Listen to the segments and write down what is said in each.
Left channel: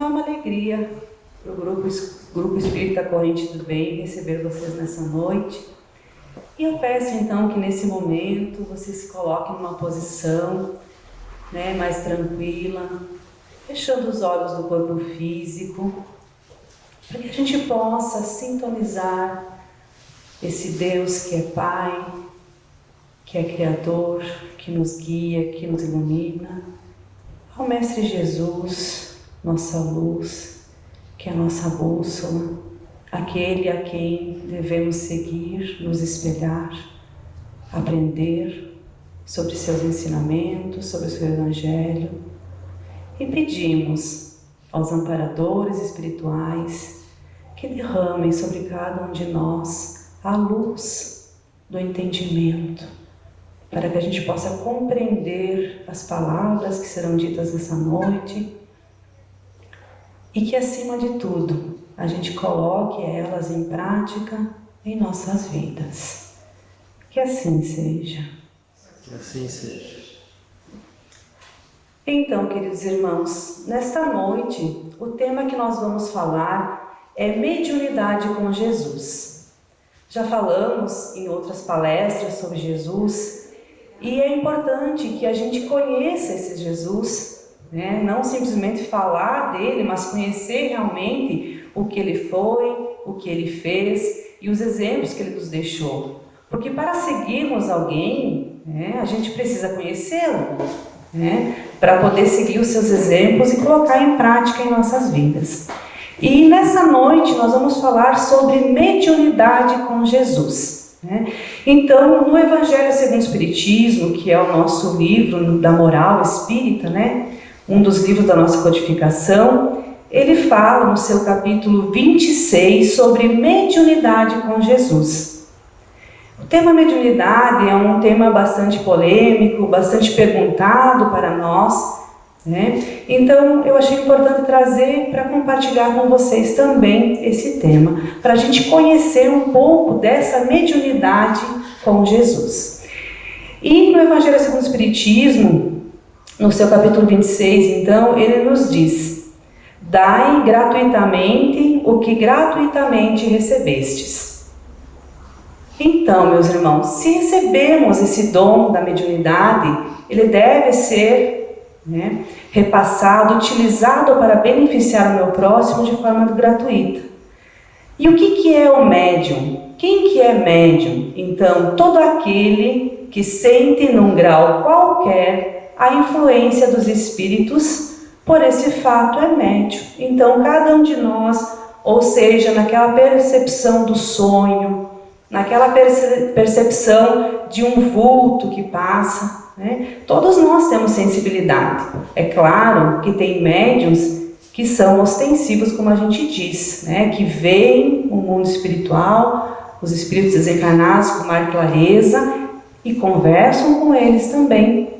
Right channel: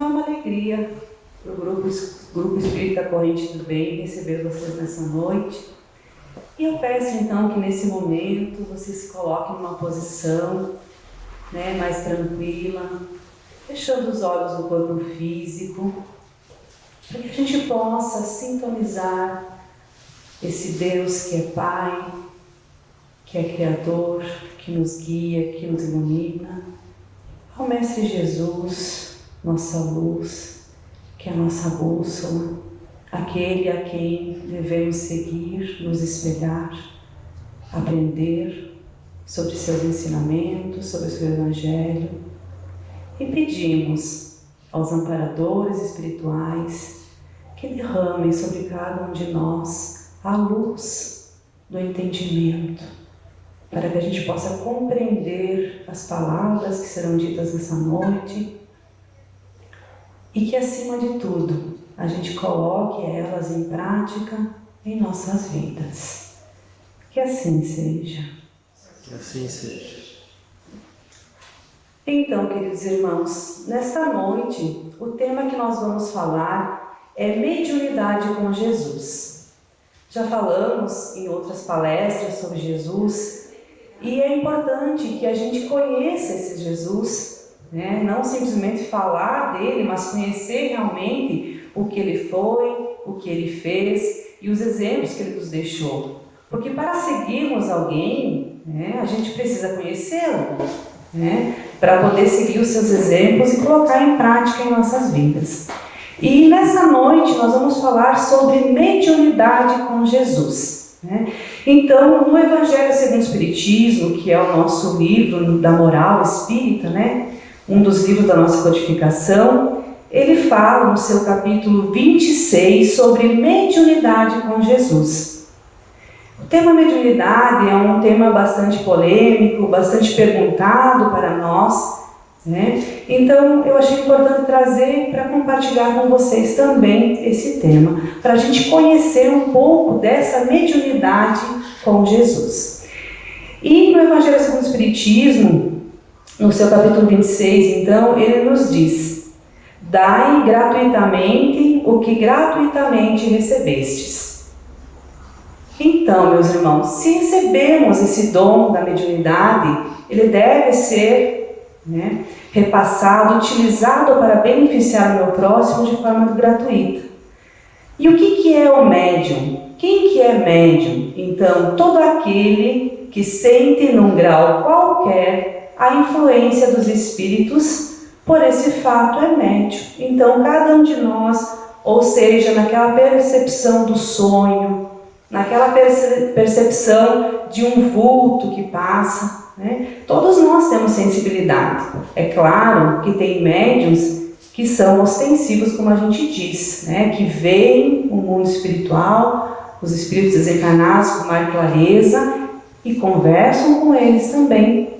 É uma alegria para o Grupo Espírita Corrente do Bem receber vocês nessa noite. E eu peço então que nesse momento você se coloque numa posição mais tranquila, fechando os olhos do corpo físico, para que a gente possa sintonizar esse Deus que é Pai, que é Criador, que nos guia, que nos ilumina, ao Mestre Jesus, nossa luz, que é a nossa bússola, aquele a quem devemos seguir, nos espelhar, aprender sobre seus ensinamentos, sobre o seu Evangelho. E pedimos aos amparadores espirituais que derramem sobre cada um de nós a luz do entendimento, para que a gente possa compreender as palavras que serão ditas nessa noite e que, acima de tudo, a gente coloque elas em prática em nossas vidas. Que assim seja. Que assim seja. Então, queridos irmãos, nesta noite, o tema que nós vamos falar é mediunidade com Jesus. Já falamos em outras palestras sobre Jesus e é importante que a gente conheça esse Jesus, não simplesmente falar dele, mas conhecer realmente o que ele foi, o que ele fez e os exemplos que ele nos deixou. Porque para seguirmos alguém, a gente precisa conhecê-lo, para poder seguir os seus exemplos e colocar em prática em nossas vidas. E nessa noite nós vamos falar sobre mediunidade com Jesus. Então, no Evangelho segundo o Espiritismo, que é o nosso livro da moral espírita, um dos livros da nossa codificação, ele fala no seu capítulo 26 sobre mediunidade com Jesus. O tema mediunidade é um tema bastante polêmico, bastante perguntado para nós, Então eu achei importante trazer para compartilhar com vocês também esse tema, para a gente conhecer um pouco dessa mediunidade com Jesus. E no Evangelho segundo o Espiritismo, no seu capítulo 26, então, ele nos diz: dai gratuitamente o que gratuitamente recebestes. Então, meus irmãos, se recebemos esse dom da mediunidade, ele deve ser repassado, utilizado para beneficiar o meu próximo de forma gratuita. E o que é o médium? Quem que é médium? Então, todo aquele que sente num grau qualquer a influência dos espíritos, por esse fato é médium. Então, cada um de nós, ou seja, naquela percepção do sonho, naquela percepção de um vulto que passa, todos nós temos sensibilidade. É claro que tem médiuns que são ostensivos, como a gente diz, que veem o mundo espiritual, os espíritos desencarnados com mais clareza e conversam com eles também.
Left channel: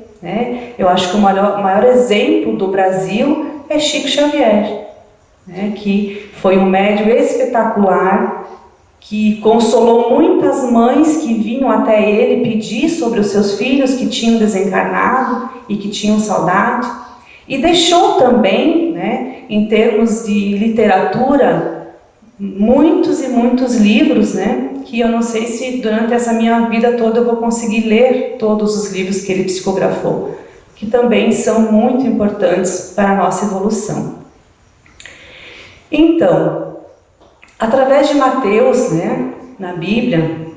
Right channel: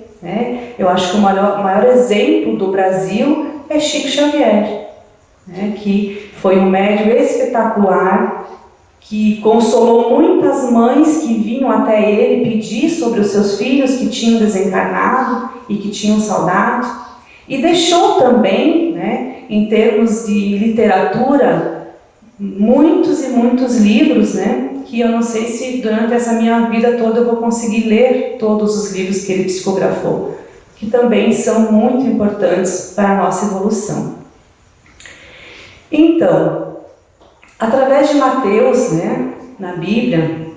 Eu acho que o maior exemplo do Brasil é Chico Xavier, que foi um médium espetacular, que consolou muitas mães que vinham até ele pedir sobre os seus filhos que tinham desencarnado e que tinham saudade, e deixou também, em termos de literatura, muitos e muitos livros, que eu não sei se durante essa minha vida toda eu vou conseguir ler todos os livros que ele psicografou, que também são muito importantes para a nossa evolução. Então, através de Mateus, na Bíblia,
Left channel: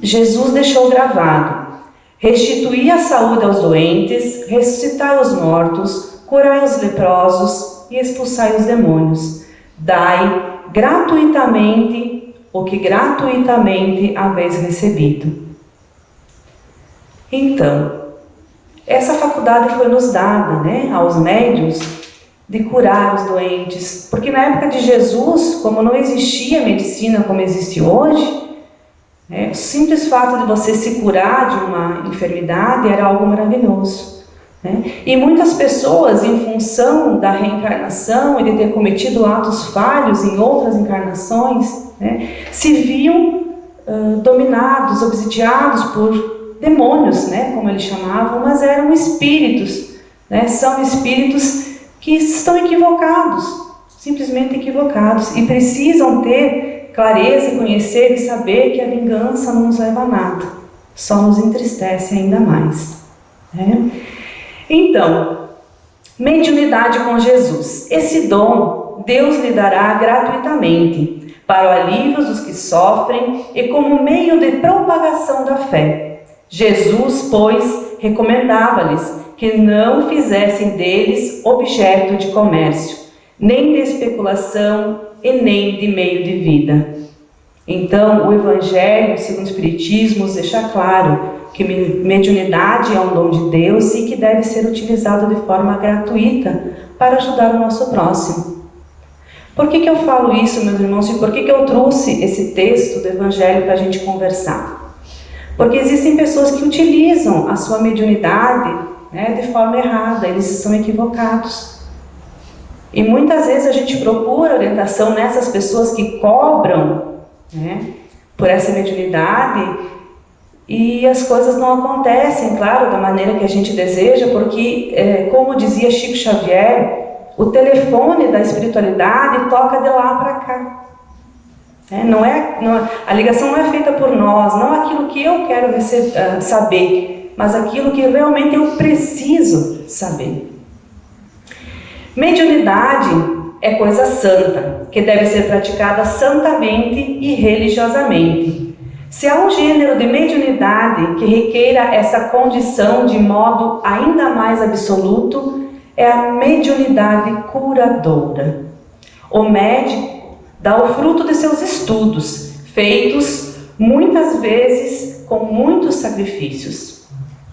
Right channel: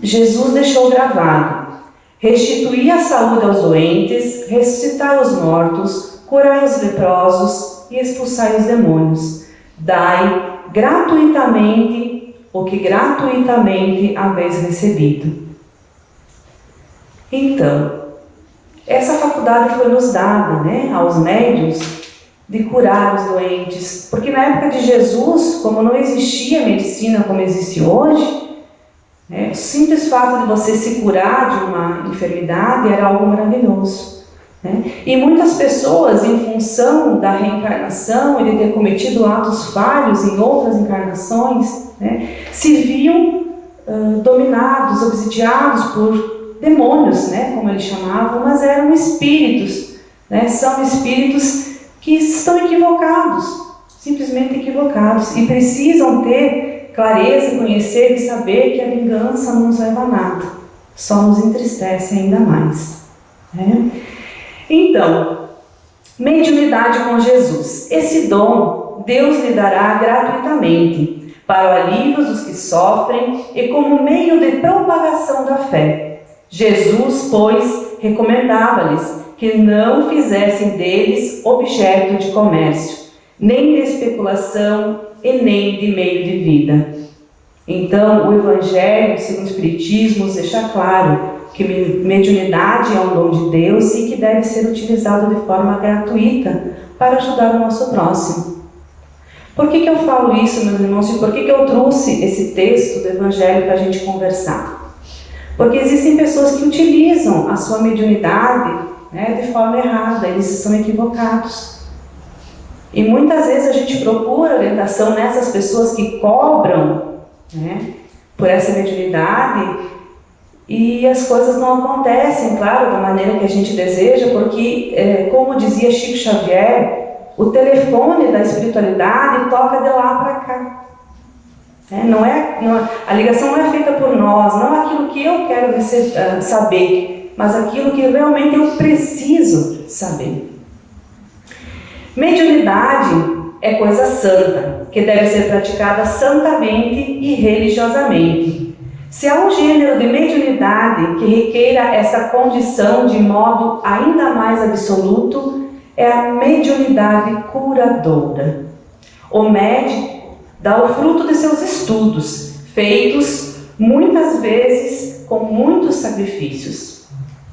Jesus deixou gravado: restituir a saúde aos doentes, ressuscitar os mortos, curai os leprosos e expulsai os demônios. Dai gratuitamente o que gratuitamente haveis recebido. Então, essa faculdade foi nos dada, aos médiuns, de curar os doentes, porque na época de Jesus, como não existia medicina como existe hoje, o simples fato de você se curar de uma enfermidade era algo maravilhoso. E muitas pessoas, em função da reencarnação e de ter cometido atos falhos em outras encarnações, se viam dominados, obsidiados por demônios, como eles chamavam, mas eram espíritos, são espíritos que estão equivocados, simplesmente equivocados, e precisam ter clareza, conhecer e saber que a vingança não nos leva a nada, só nos entristece ainda mais. Então, mediunidade com Jesus. Esse dom Deus lhe dará gratuitamente para o alívio dos que sofrem e como meio de propagação da fé. Jesus, pois, recomendava-lhes que não fizessem deles objeto de comércio, nem de especulação e nem de meio de vida. Então, o Evangelho, segundo o Espiritismo, nos deixa claro que mediunidade é um dom de Deus e que deve ser utilizado de forma gratuita para ajudar o nosso próximo. Por que eu falo isso, meus irmãos, e por que eu trouxe esse texto do Evangelho para a gente conversar? Porque existem pessoas que utilizam a sua mediunidade, de forma errada, eles estão equivocados. E muitas vezes a gente procura orientação nessas pessoas que cobram, por essa mediunidade, e as coisas não acontecem, claro, da maneira que a gente deseja, porque, como dizia Chico Xavier, o telefone da espiritualidade toca de lá para cá. A ligação não é feita por nós, não aquilo que eu quero saber, mas aquilo que realmente eu preciso saber. Mediunidade é coisa santa, que deve ser praticada santamente e religiosamente. Se há um gênero de mediunidade que requeira essa condição de modo ainda mais absoluto, é a mediunidade curadora. O médico dá o fruto de seus estudos, feitos muitas vezes com muitos sacrifícios.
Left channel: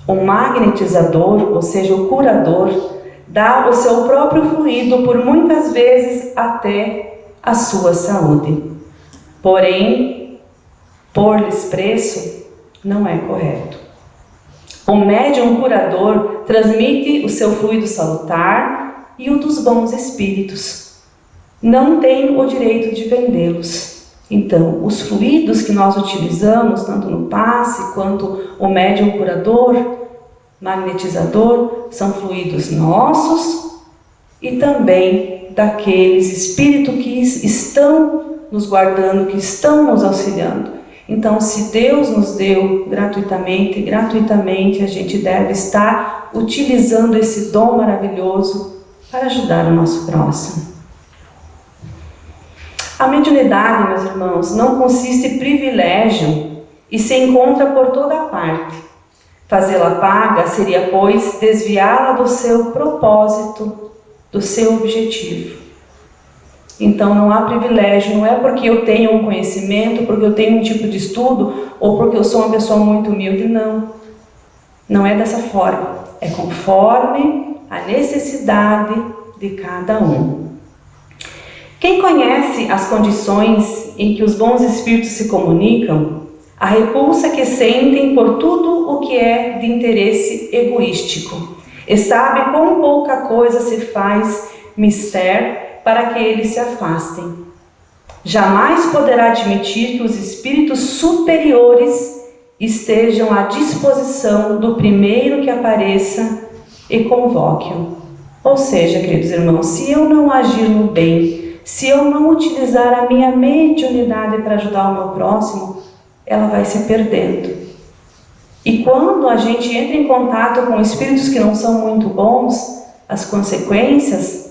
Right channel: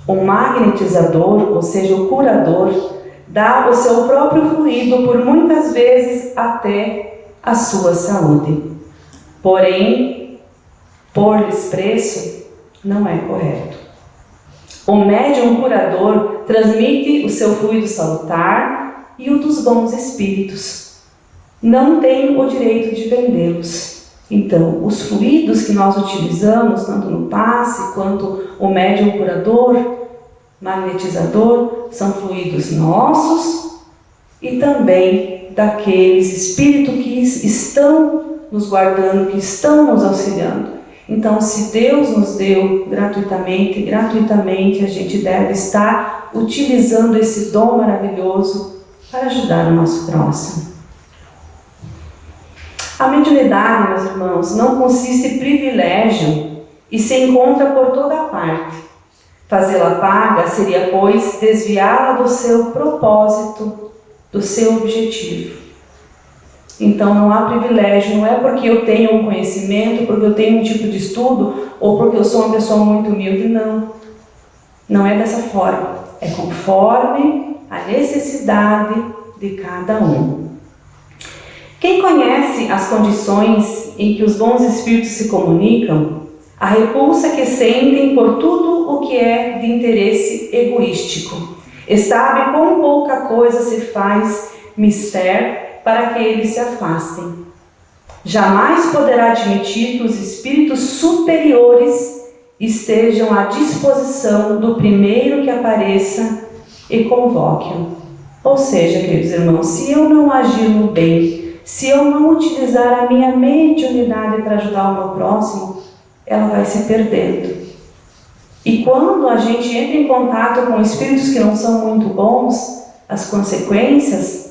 O magnetizador, ou seja, o curador, dá o seu próprio fluido por muitas vezes até a sua saúde. Porém, pôr-lhes preço não é correto. O médium curador transmite o seu fluido salutar e o dos bons espíritos. Não tem o direito de vendê-los. Então, os fluidos que nós utilizamos, tanto no passe quanto o médium curador, magnetizador, são fluidos nossos e também daqueles espíritos que estão nos guardando, que estão nos auxiliando. Então, se Deus nos deu gratuitamente a gente deve estar utilizando esse dom maravilhoso para ajudar o nosso próximo. A mediunidade, meus irmãos, não consiste em privilégio e se encontra por toda parte. Fazê-la paga seria, pois, desviá-la do seu propósito, do seu objetivo. Então não há privilégio, não é porque eu tenho um conhecimento, porque eu tenho um tipo de estudo, ou porque eu sou uma pessoa muito humilde, não. Não é dessa forma, é conforme a necessidade de cada um. Quem conhece as condições em que os bons espíritos se comunicam, a repulsa que sentem por tudo o que é de interesse egoístico, e sabe quão pouca coisa se faz mister para que eles se afastem. Jamais poderá admitir que os espíritos superiores estejam à disposição do primeiro que apareça e convoque-o. Ou seja, queridos irmãos, se eu não agir no bem, se eu não utilizar a minha mediunidade para ajudar o meu próximo, ela vai se perdendo. E quando a gente entra em contato com espíritos que não são muito bons, as consequências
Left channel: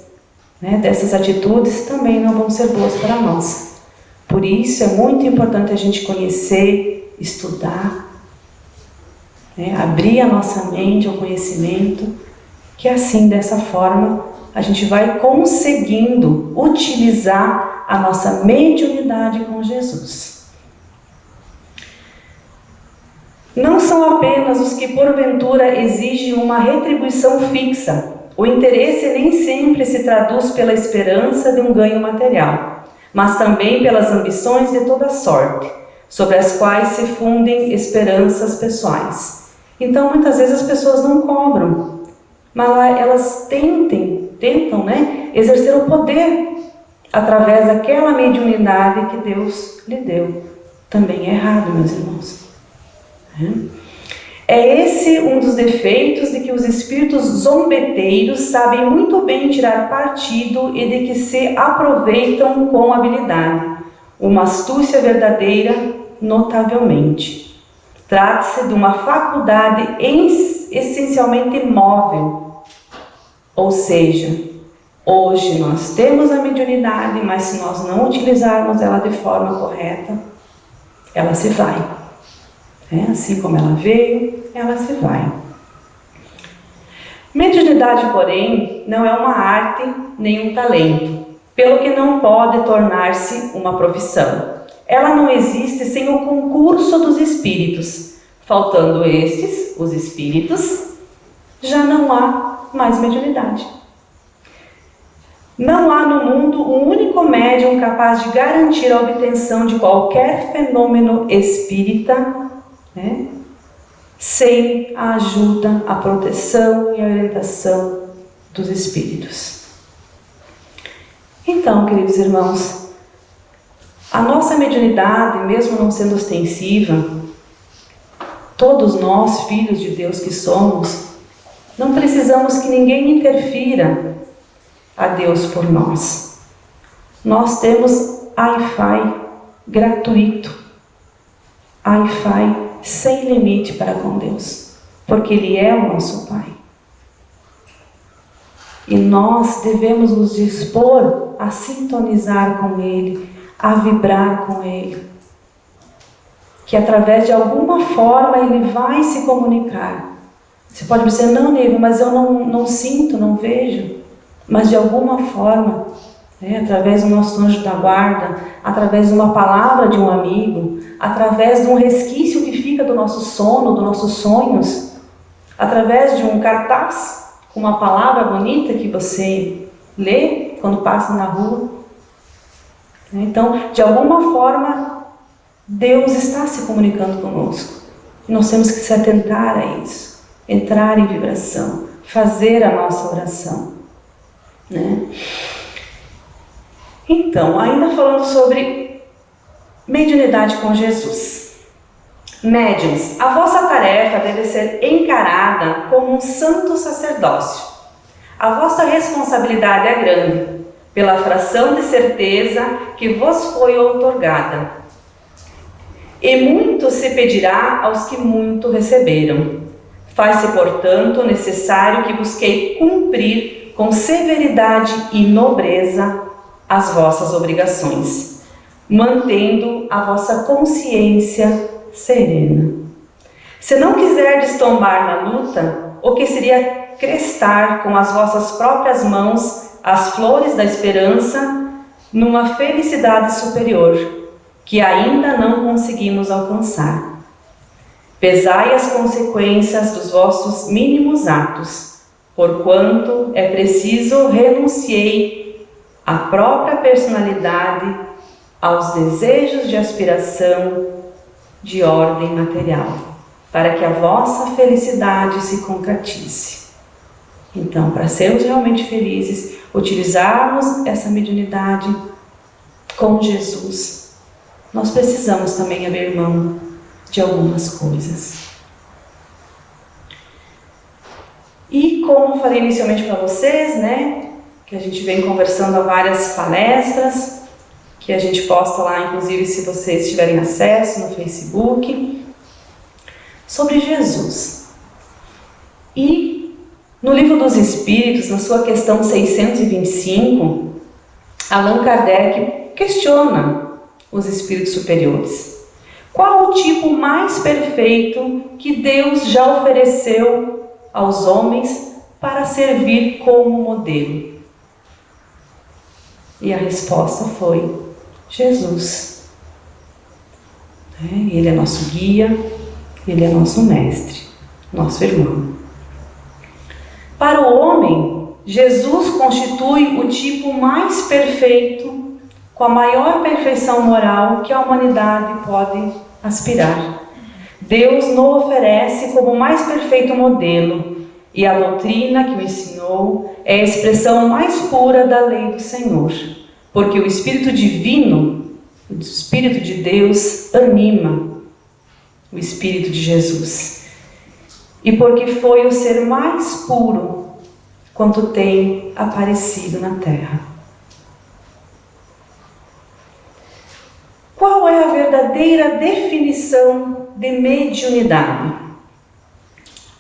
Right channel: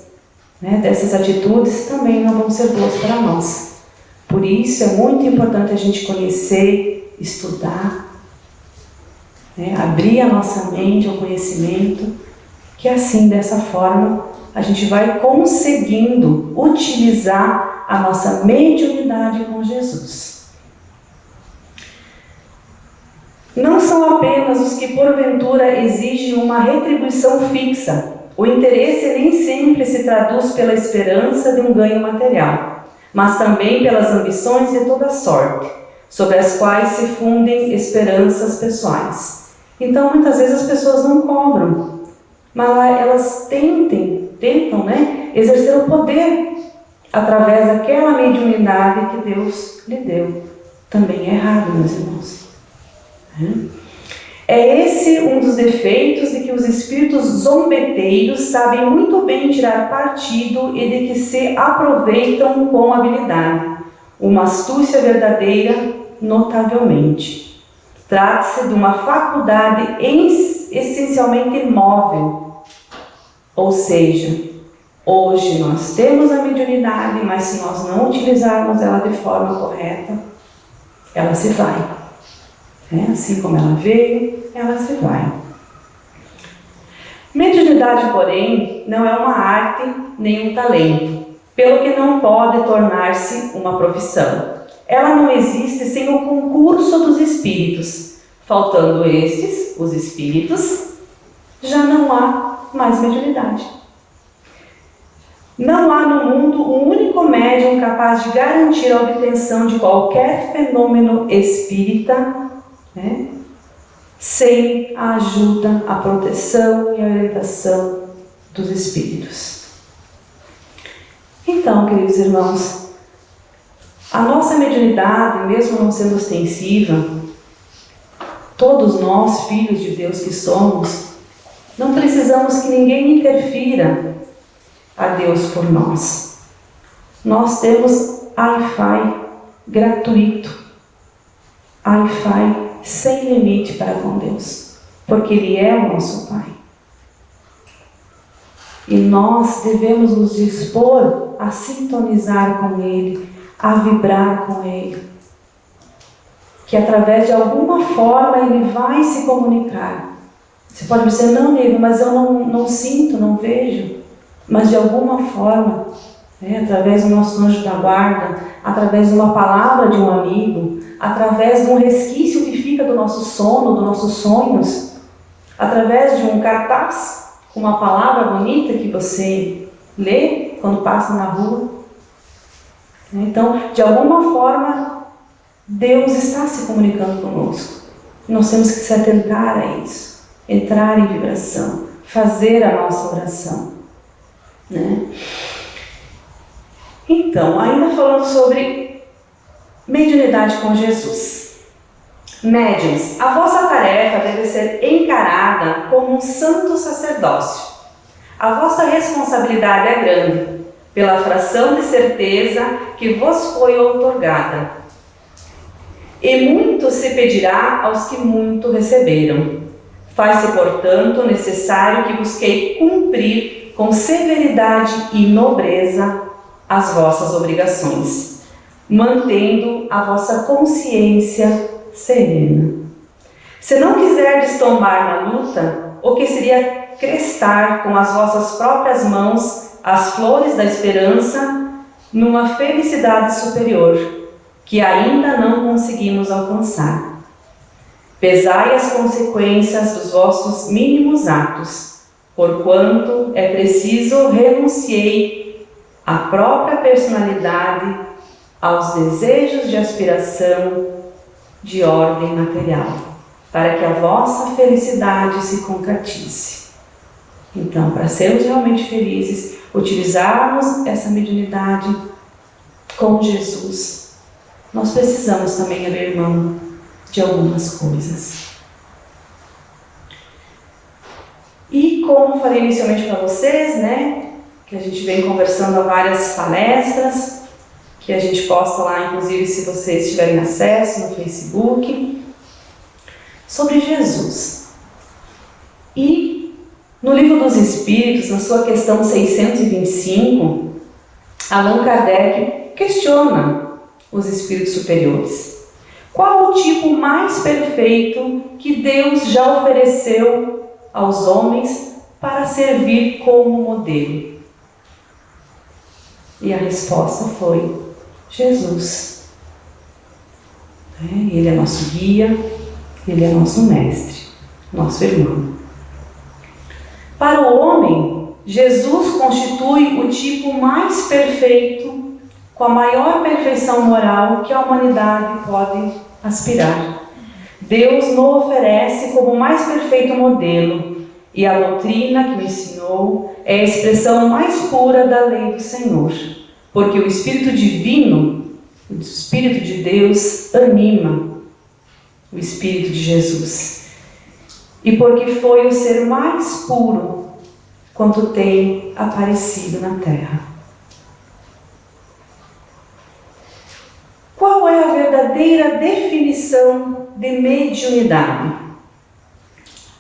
dessas atitudes também não vão ser boas para nós. Por isso é muito importante a gente conhecer, estudar, abrir a nossa mente ao conhecimento, que assim, dessa forma, a gente vai conseguindo utilizar a nossa mediunidade com Jesus. Não são apenas os que porventura exigem uma retribuição fixa. O interesse nem sempre se traduz pela esperança de um ganho material, mas também pelas ambições de toda sorte, sobre as quais se fundem esperanças pessoais. Então, muitas vezes as pessoas não cobram, mas elas tentam, exercer o poder através daquela mediunidade que Deus lhe deu. Também é errado, meus irmãos. É esse um dos defeitos de que os espíritos zombeteiros sabem muito bem tirar partido e de que se aproveitam com habilidade. Uma astúcia verdadeira, notavelmente. Trata-se de uma faculdade essencialmente móvel. Ou seja, hoje nós temos a mediunidade, mas se nós não utilizarmos ela de forma correta, ela se vai. Assim como ela veio, ela se vai. Mediunidade, porém, não é uma arte nem um talento, pelo que não pode tornar-se uma profissão. Ela não existe sem o concurso dos espíritos. Faltando estes, os espíritos, já não há mais mediunidade. Não há no mundo um único médium capaz de garantir a obtenção de qualquer fenômeno espírita, sem a ajuda, a proteção e a orientação dos espíritos. Então, queridos irmãos, a nossa mediunidade, mesmo não sendo ostensiva, todos nós, filhos de Deus que somos, não precisamos que ninguém interfira a Deus por nós. Nós temos Wi-Fi gratuito, Wi-Fi sem limite para com Deus, porque Ele é o nosso Pai. E nós devemos nos dispor a sintonizar com Ele, a vibrar com Ele, que através de alguma forma Ele vai se comunicar. Você pode dizer, não, Neiva, mas eu não sinto, não vejo. Mas de alguma forma, através do nosso anjo da guarda, através de uma palavra de um amigo, através de um resquício que fica do nosso sono, dos nossos sonhos, através de um cartaz com uma palavra bonita que você lê quando passa na rua. Então, de alguma forma, Deus está se comunicando conosco. E nós temos que se atentar a isso, entrar em vibração, fazer a nossa oração. Então, ainda falando sobre mediunidade com Jesus. Médiuns, a vossa tarefa deve ser encarada como um santo sacerdócio. A vossa responsabilidade é grande, pela fração de certeza que vos foi outorgada. E muito se pedirá aos que muito receberam. Faz-se, portanto, necessário que busquei cumprir com severidade e nobreza as vossas obrigações, mantendo a vossa consciência serena. Se não quiserdes tombar na luta, o que seria crestar com as vossas próprias mãos as flores da esperança numa felicidade superior, que ainda não conseguimos alcançar. Pesai as consequências dos vossos mínimos atos, porquanto é preciso renunciei à própria personalidade, aos desejos de aspiração de ordem material, para que a vossa felicidade se concretize. Então, para sermos realmente felizes, utilizarmos essa mediunidade com Jesus, nós precisamos também abrir mão de algumas coisas. E como falei inicialmente para vocês, que a gente vem conversando há várias palestras, que a gente posta lá, inclusive se vocês tiverem acesso no Facebook, sobre Jesus. E no Livro dos Espíritos, na sua questão 625, Allan Kardec questiona os espíritos superiores. Qual o tipo mais perfeito que Deus já ofereceu aos homens para servir como modelo? E a resposta foi Jesus. Ele é nosso guia, Ele é nosso mestre, nosso irmão. Para o homem, Jesus constitui o tipo mais perfeito, com a maior perfeição moral que a humanidade pode aspirar. Deus nos oferece como o mais perfeito modelo, e a doutrina que o ensinou é a expressão mais pura da lei do Senhor, porque o Espírito Divino, o Espírito de Deus, anima o Espírito de Jesus. e porque foi o ser mais puro quanto tem aparecido na terra. Qual é a verdadeira definição de mediunidade?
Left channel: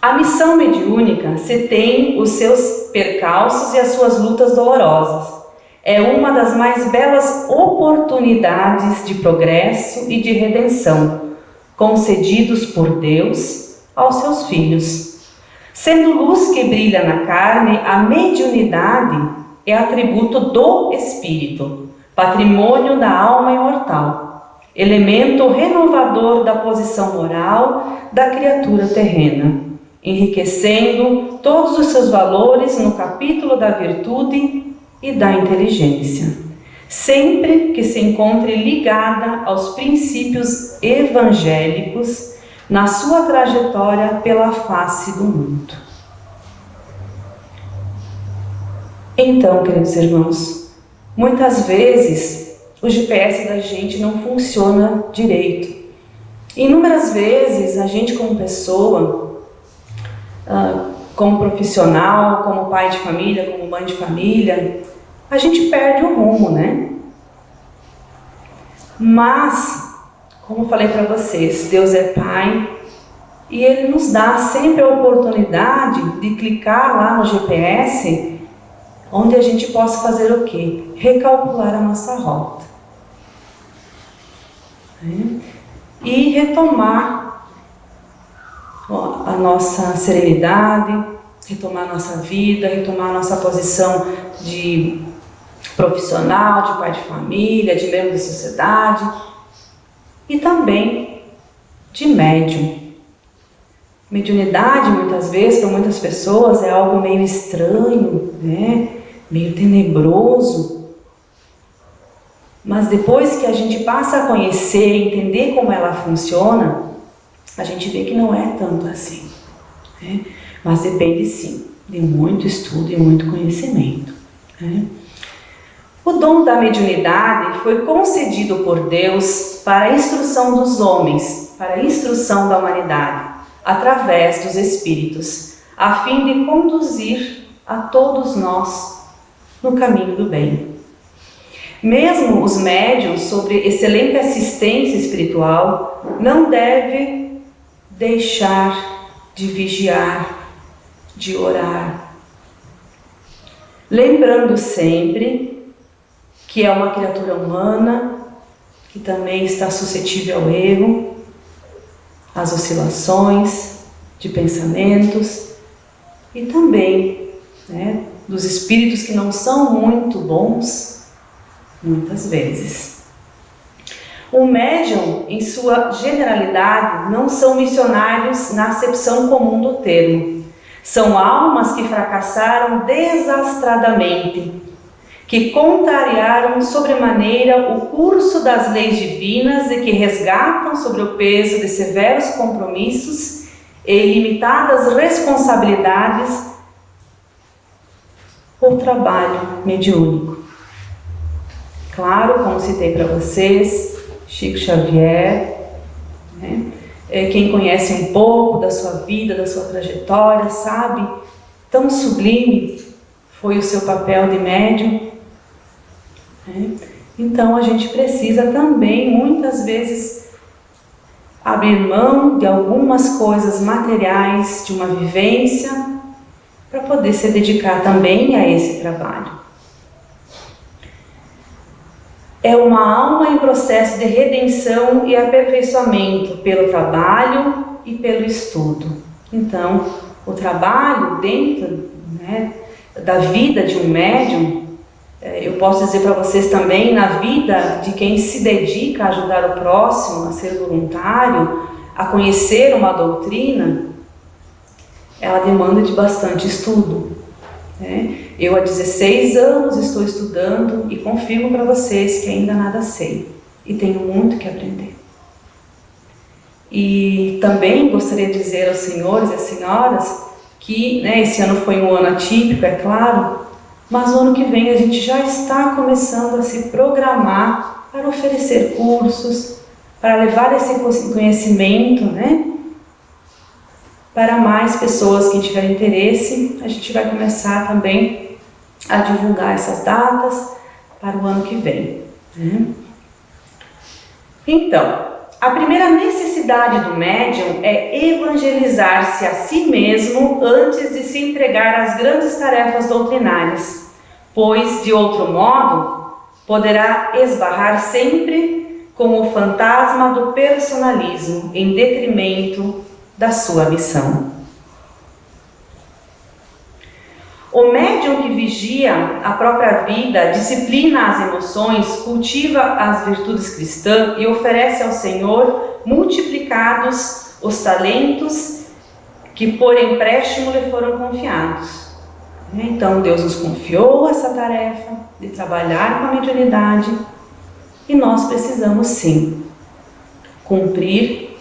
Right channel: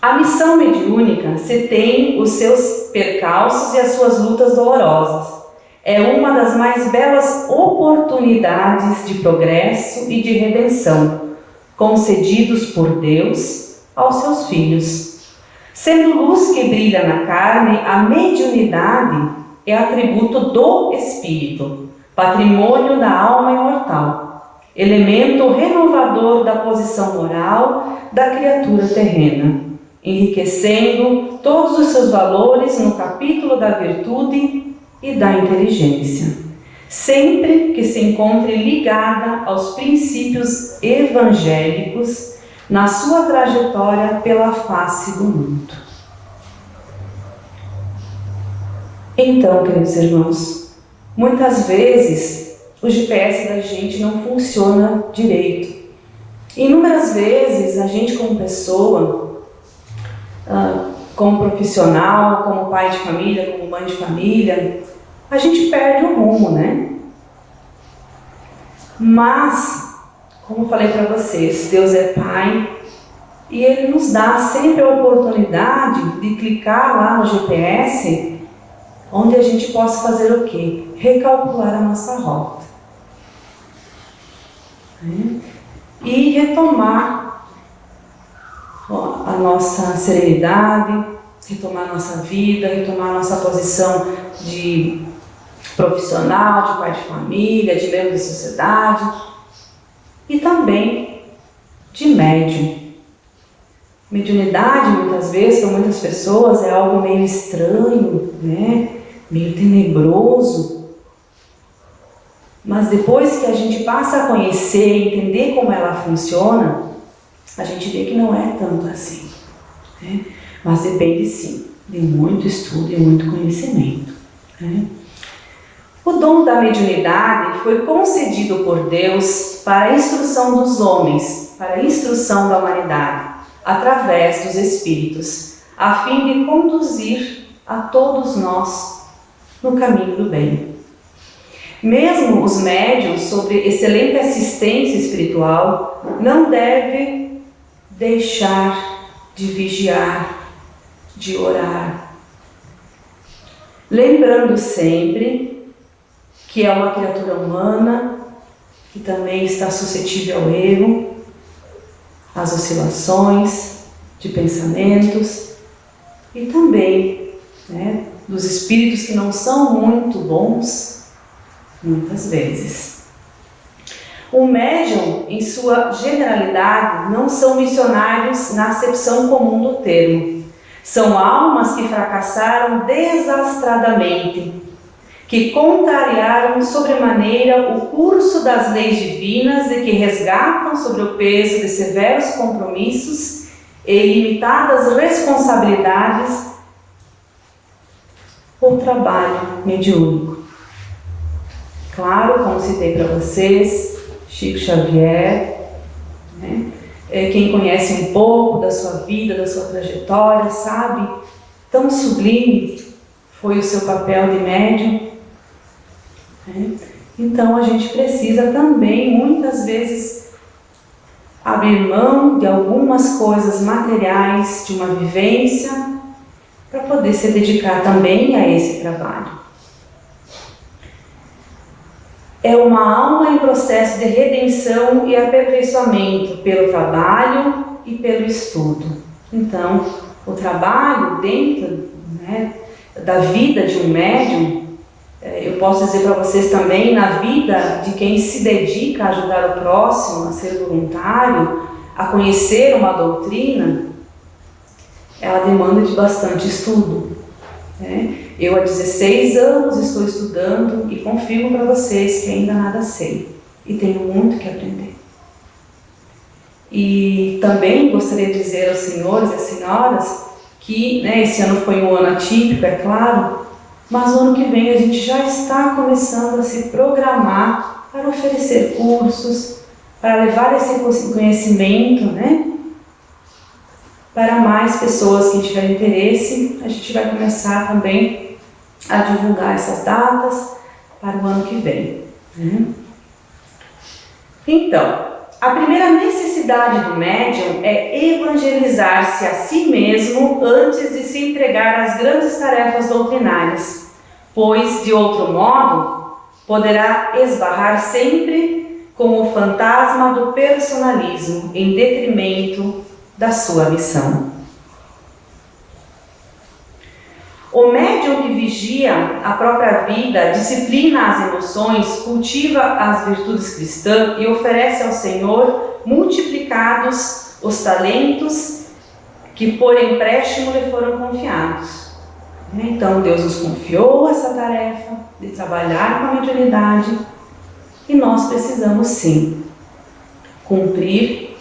A missão mediúnica se tem os seus percalços e as suas lutas dolorosas. É uma das mais belas oportunidades de progresso e de redenção concedidos por Deus aos seus filhos. Sendo luz que brilha na carne, a mediunidade é atributo do espírito, patrimônio da alma imortal, elemento renovador da posição moral da criatura terrena, enriquecendo todos os seus valores no capítulo da virtude e da inteligência, sempre que se encontre ligada aos princípios evangélicos na sua trajetória pela face do mundo. Então, queridos irmãos, muitas vezes o GPS da gente não funciona direito. Inúmeras vezes a gente, como pessoa, como profissional, como pai de família, como mãe de família, a gente perde o rumo, né? Mas, como eu falei para vocês, Deus é Pai e Ele nos dá sempre a oportunidade de clicar lá no GPS, onde a gente possa fazer o quê? Recalcular a nossa rota. E retomar a nossa serenidade, retomar a nossa vida, retomar a nossa posição de profissional, de pai de família, de membro da sociedade e também de médium. Mediunidade, muitas vezes, para muitas pessoas, é algo meio estranho, né? Meio tenebroso. Mas depois que a gente passa a conhecer, entender como ela funciona, a gente vê que não é tanto assim, né? Mas depende sim de muito estudo e muito conhecimento, né? O dom da mediunidade foi concedido por Deus para a instrução dos homens, para a instrução da humanidade, através dos espíritos, a fim de conduzir a todos nós no caminho do bem. Mesmo os médiuns, sobre excelente assistência espiritual, não devem deixar de vigiar, de orar, lembrando sempre que é uma criatura humana, que também está suscetível ao erro, às oscilações de pensamentos e também, né, dos espíritos que não são muito bons, muitas vezes. O médium, em sua generalidade, não são missionários na acepção comum do termo. São almas que fracassaram desastradamente, que contrariaram sobremaneira o curso das leis divinas e que resgatam sobre o peso de severos compromissos e ilimitadas responsabilidades o trabalho mediúnico. Claro, como citei para vocês, Chico Xavier, né? Quem conhece um pouco da sua vida, da sua trajetória, sabe tão sublime foi o seu papel de médium. Então a gente precisa também, muitas vezes, abrir mão de algumas coisas materiais, de uma vivência, para poder se dedicar também a esse trabalho. É uma alma em processo de redenção e aperfeiçoamento pelo trabalho e pelo estudo. Então, o trabalho dentro, né, da vida de um médium, eu posso dizer para vocês também, na vida de quem se dedica a ajudar o próximo, a ser voluntário, a conhecer uma doutrina, ela demanda de bastante estudo, né? Eu há 16 anos estou estudando e confirmo para vocês que ainda nada sei e tenho muito que aprender. E também gostaria de dizer aos senhores e às senhoras que, né, esse ano foi um ano atípico, é claro, mas o ano que vem a gente já está começando a se programar para oferecer cursos, para levar esse conhecimento, né, para mais pessoas que tiverem interesse. A gente vai começar também a divulgar essas datas para o ano que vem, né? Então, a primeira necessidade do médium é evangelizar-se a si mesmo antes de se entregar às grandes tarefas doutrinárias, pois, de outro modo, poderá esbarrar sempre com o fantasma do personalismo em detrimento da sua missão. O médium que vigia a própria vida, disciplina as emoções, cultiva as virtudes cristãs e oferece ao Senhor multiplicados os talentos que por empréstimo lhe foram confiados. Então Deus nos confiou essa tarefa de trabalhar com a mediunidade e nós precisamos sim cumprir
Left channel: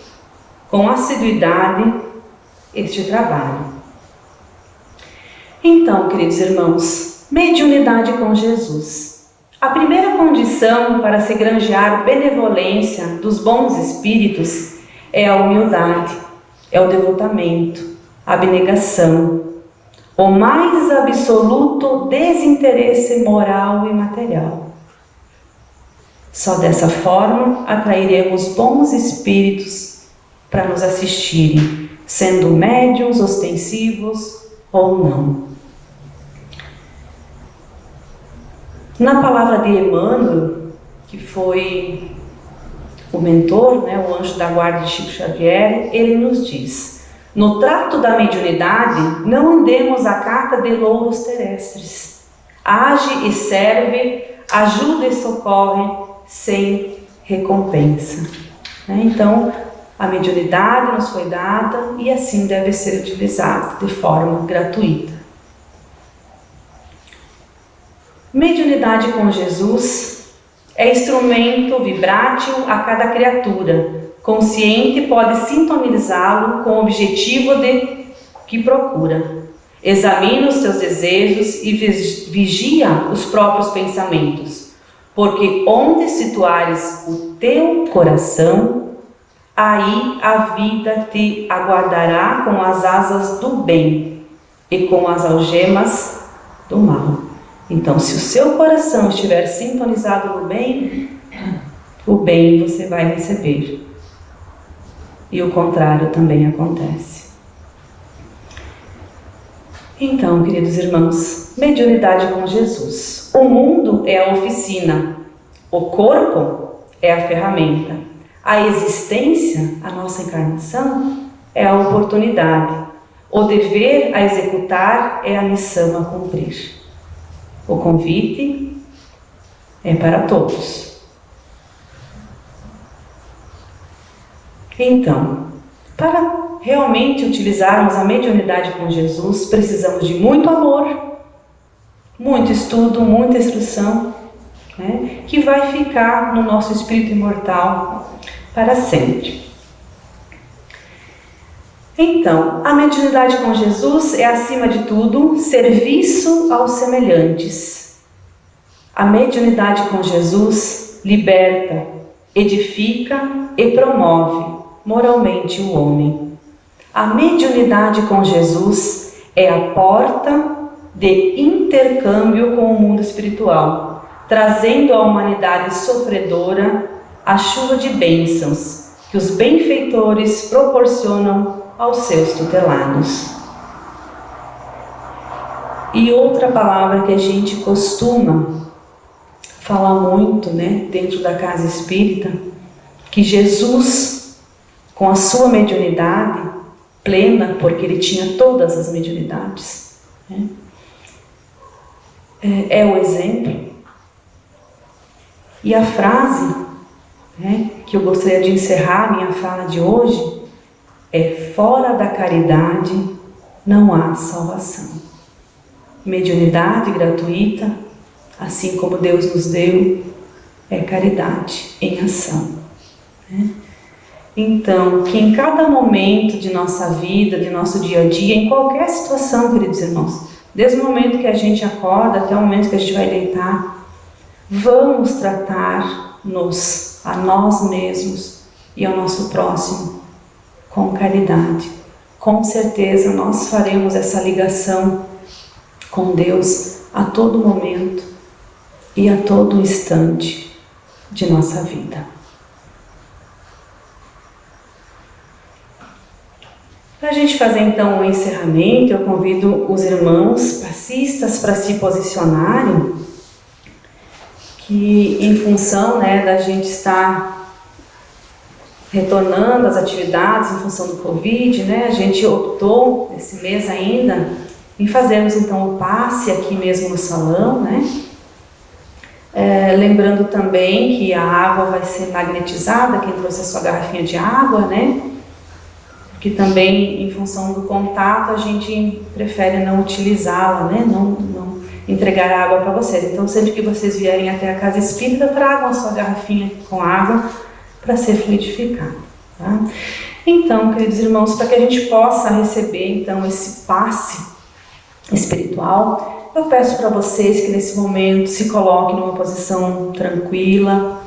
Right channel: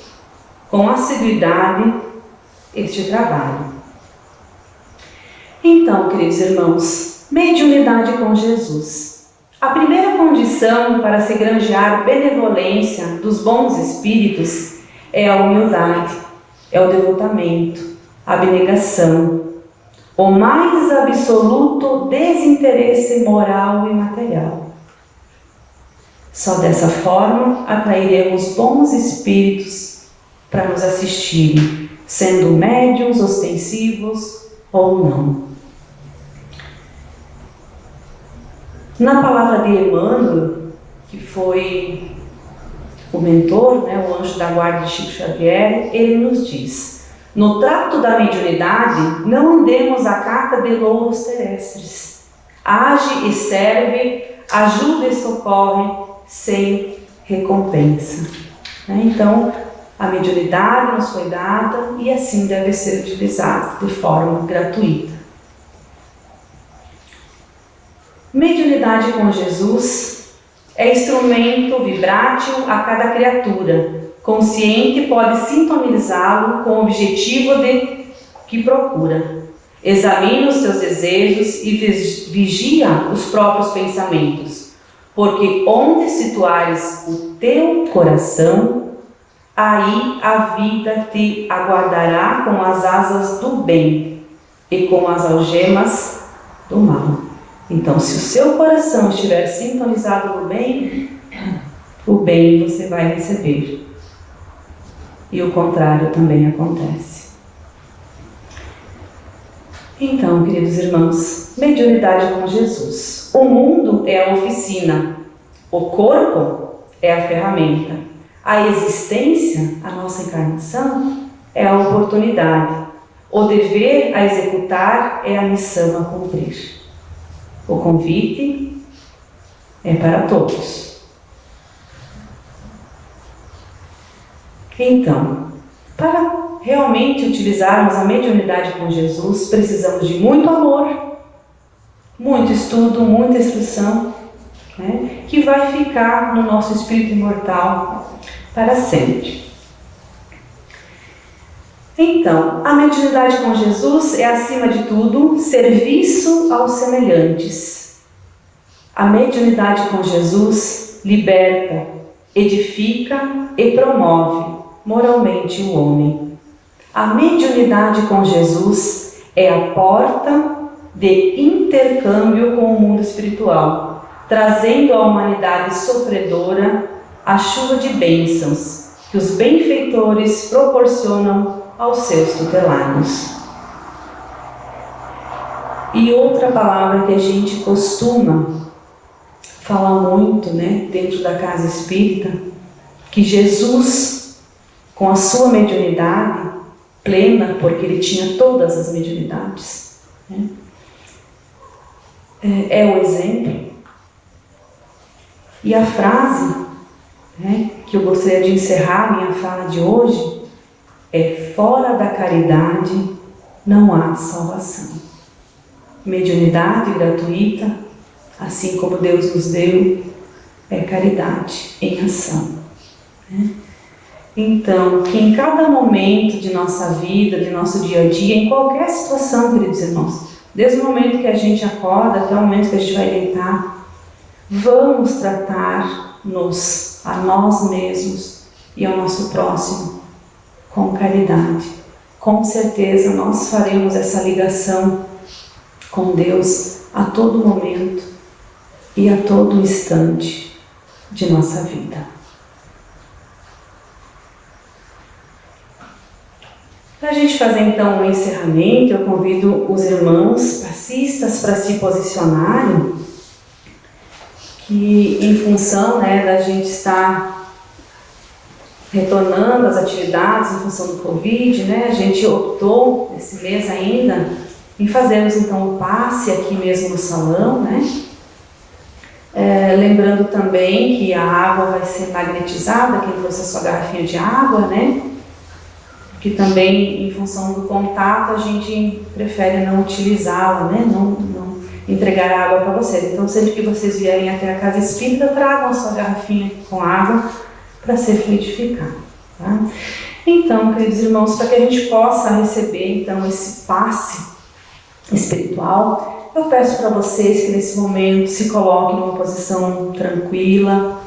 com assiduidade este trabalho. Então, queridos irmãos, mediunidade com Jesus. A primeira condição para se granjear benevolência dos bons espíritos é a humildade, é o devotamento, a abnegação, o mais absoluto desinteresse moral e material. Só dessa forma atrairemos bons espíritos para nos assistirem, sendo médiuns ostensivos ou não. Na palavra de Emmanuel, que foi o mentor, o anjo da guarda de Chico Xavier, ele nos diz: no trato da mediunidade, não andemos à cata de louros terrestres. Age e serve, ajuda e socorre, sem recompensa. Então, a mediunidade nos foi dada e assim deve ser utilizada de forma gratuita. Mediunidade com Jesus é instrumento vibrátil a cada criatura. Consciente pode sintonizá-lo com o objetivo que procura. Examina os teus desejos e vigia os próprios pensamentos, porque onde situares o teu coração, aí a vida te aguardará com as asas do bem e com as algemas do mal. Então, se o seu coração estiver sintonizado no bem, o bem você vai receber. E o contrário também acontece. Então, queridos irmãos, mediunidade com Jesus. O mundo é a oficina, o corpo é a ferramenta, a existência, a nossa encarnação, é a oportunidade, o dever a executar é a missão a cumprir. O convite é para todos. Então, para realmente utilizarmos a mediunidade com Jesus, precisamos de muito amor, muito estudo, muita instrução, que vai ficar no nosso espírito imortal para sempre. Então, a mediunidade com Jesus é, acima de tudo, serviço aos semelhantes. A mediunidade com Jesus liberta, edifica e promove moralmente o homem. A mediunidade com Jesus é a porta de intercâmbio com o mundo espiritual, trazendo à humanidade sofredora a chuva de bênçãos que os benfeitores proporcionam aos seus tutelados. E outra palavra que a gente costuma falar muito, dentro da casa espírita, que Jesus, com a sua mediunidade plena, porque ele tinha todas as mediunidades, é o exemplo. E a frase que eu gostaria de encerrar minha fala de hoje é: fora da caridade não há salvação. Mediunidade gratuita, assim como Deus nos deu, é caridade em ação. Então, que em cada momento de nossa vida, de nosso dia a dia, em qualquer situação, queridos irmãos, desde o momento que a gente acorda até o momento que a gente vai deitar, vamos tratar-nos a nós mesmos e ao nosso próximo com caridade, com certeza nós faremos essa ligação com Deus a todo momento e a todo instante de nossa vida. Para a gente fazer então o encerramento, eu convido os irmãos passistas para se posicionarem, que em função da gente estar retornando às atividades em função do Covid, a gente optou esse mês ainda em fazermos então o passe aqui mesmo no salão, lembrando também que a água vai ser magnetizada, quem trouxe a sua garrafinha de água, porque também em função do contato a gente prefere não utilizá-la, não entregar água para vocês. Então sempre que vocês vierem até a casa espírita, tragam a sua garrafinha com água para ser fluidificada, tá? Então, queridos irmãos, para que a gente possa receber então esse passe espiritual, eu peço para vocês que nesse momento se coloquem numa posição tranquila,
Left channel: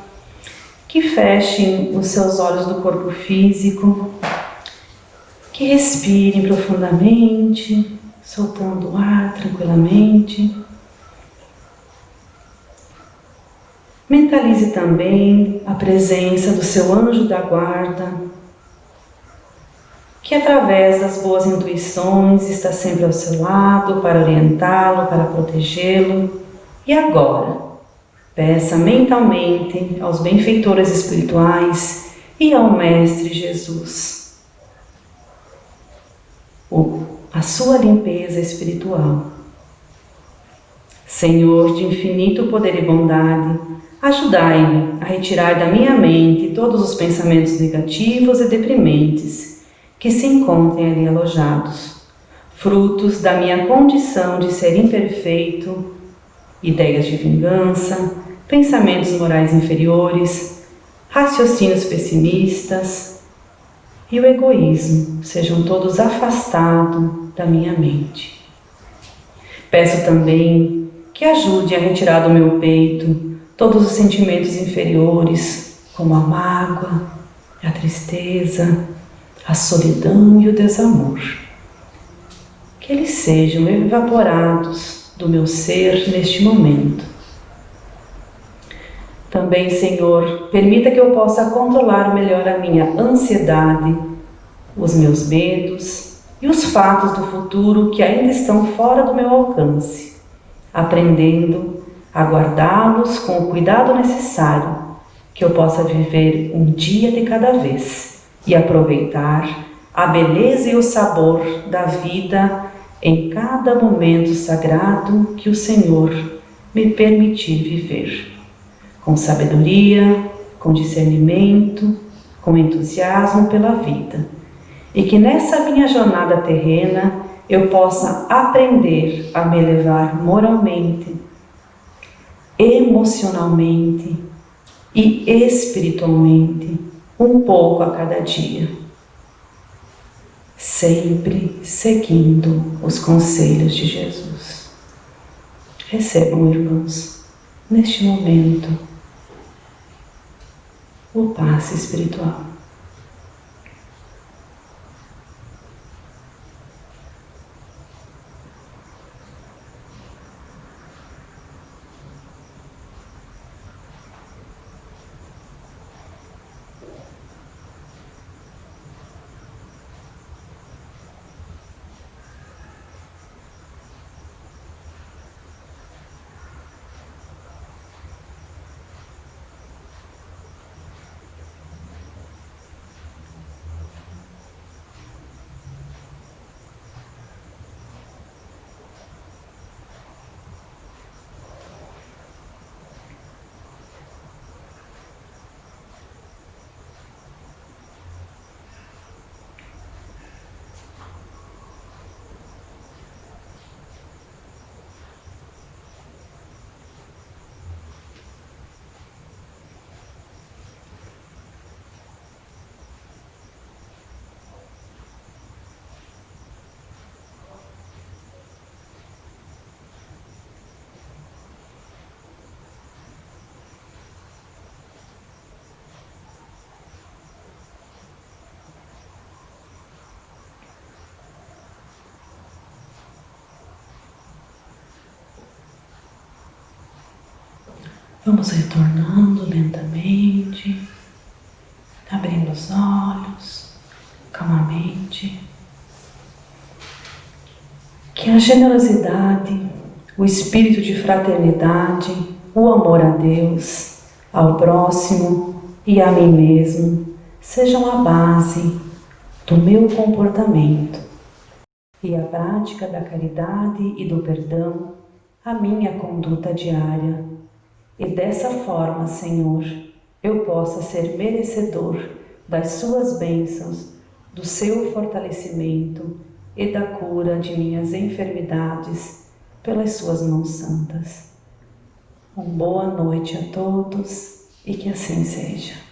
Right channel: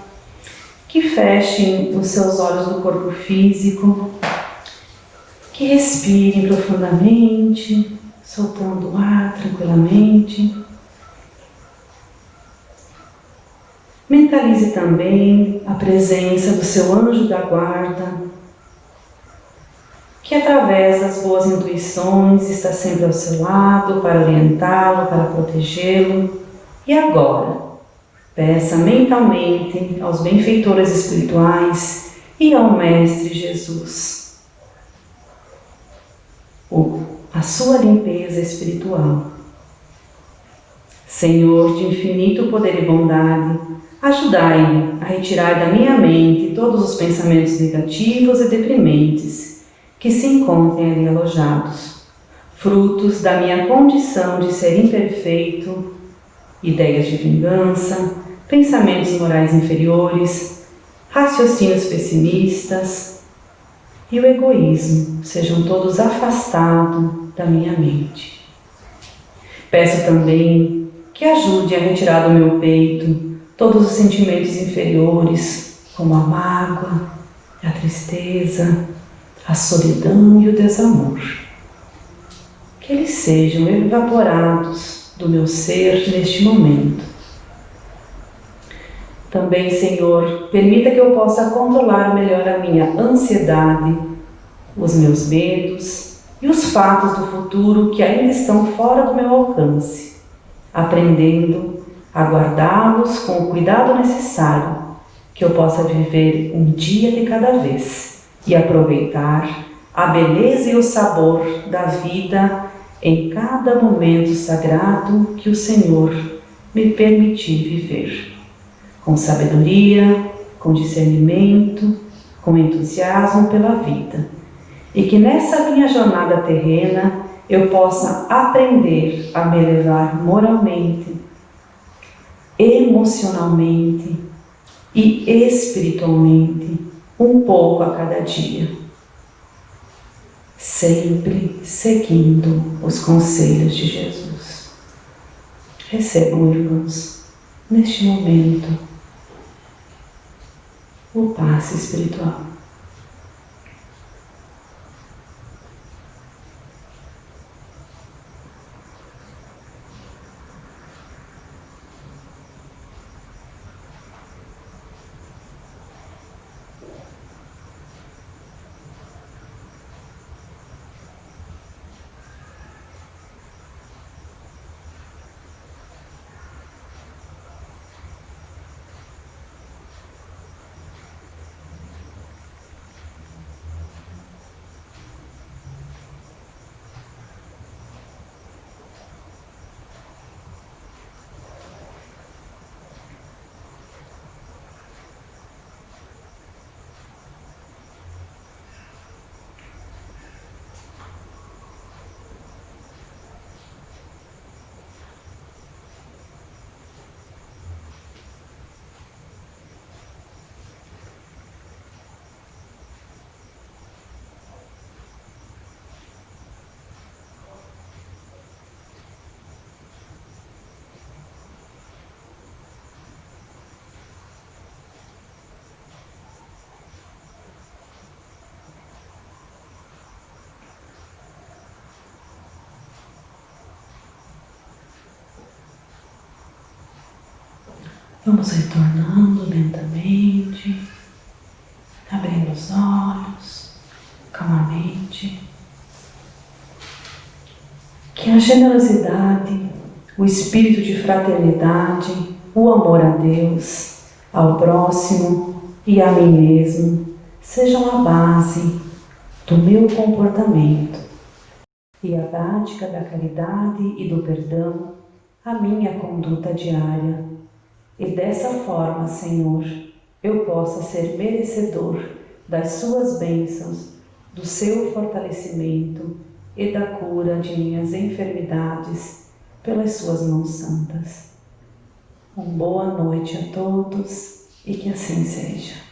que fechem os seus olhos do corpo físico, que respirem profundamente, soltando o ar tranquilamente. Mentalize também a presença do seu anjo da guarda, que através das boas intuições está sempre ao seu lado para orientá-lo, para protegê-lo. E agora, peça mentalmente aos benfeitores espirituais e ao Mestre Jesus a sua limpeza espiritual. Senhor de infinito poder e bondade, ajudai-me a retirar da minha mente todos os pensamentos negativos e deprimentes que se encontrem ali alojados, frutos da minha condição de ser imperfeito, ideias de vingança, pensamentos morais inferiores, raciocínios pessimistas e o egoísmo sejam todos afastados da minha mente. Peço também que ajude a retirar do meu peito todos os sentimentos inferiores, como a mágoa, a tristeza, a solidão e o desamor. Que eles sejam evaporados do meu ser neste momento. Também, Senhor, permita que eu possa controlar melhor a minha ansiedade, os meus medos e os fatos do futuro que ainda estão fora do meu alcance, aprendendo a guardá-los com o cuidado necessário, que eu possa viver um dia de cada vez e aproveitar a beleza e o sabor da vida em cada momento sagrado que o Senhor me permitir viver, com sabedoria, com discernimento, com entusiasmo pela vida, e que nessa minha jornada terrena eu possa aprender a me elevar moralmente, emocionalmente e espiritualmente um pouco a cada dia, sempre seguindo os conselhos de Jesus. Recebam, irmãos, neste momento, o passe espiritual. Vamos retornando lentamente, abrindo os olhos, calmamente. Que a generosidade, o espírito de fraternidade, o amor a Deus, ao próximo e a mim mesmo sejam a base do meu comportamento e a prática da caridade e do perdão a minha conduta diária. E dessa forma, Senhor, eu possa ser merecedor das suas bênçãos, do seu fortalecimento e da cura de minhas enfermidades pelas suas mãos santas. Uma boa noite a todos e que assim seja.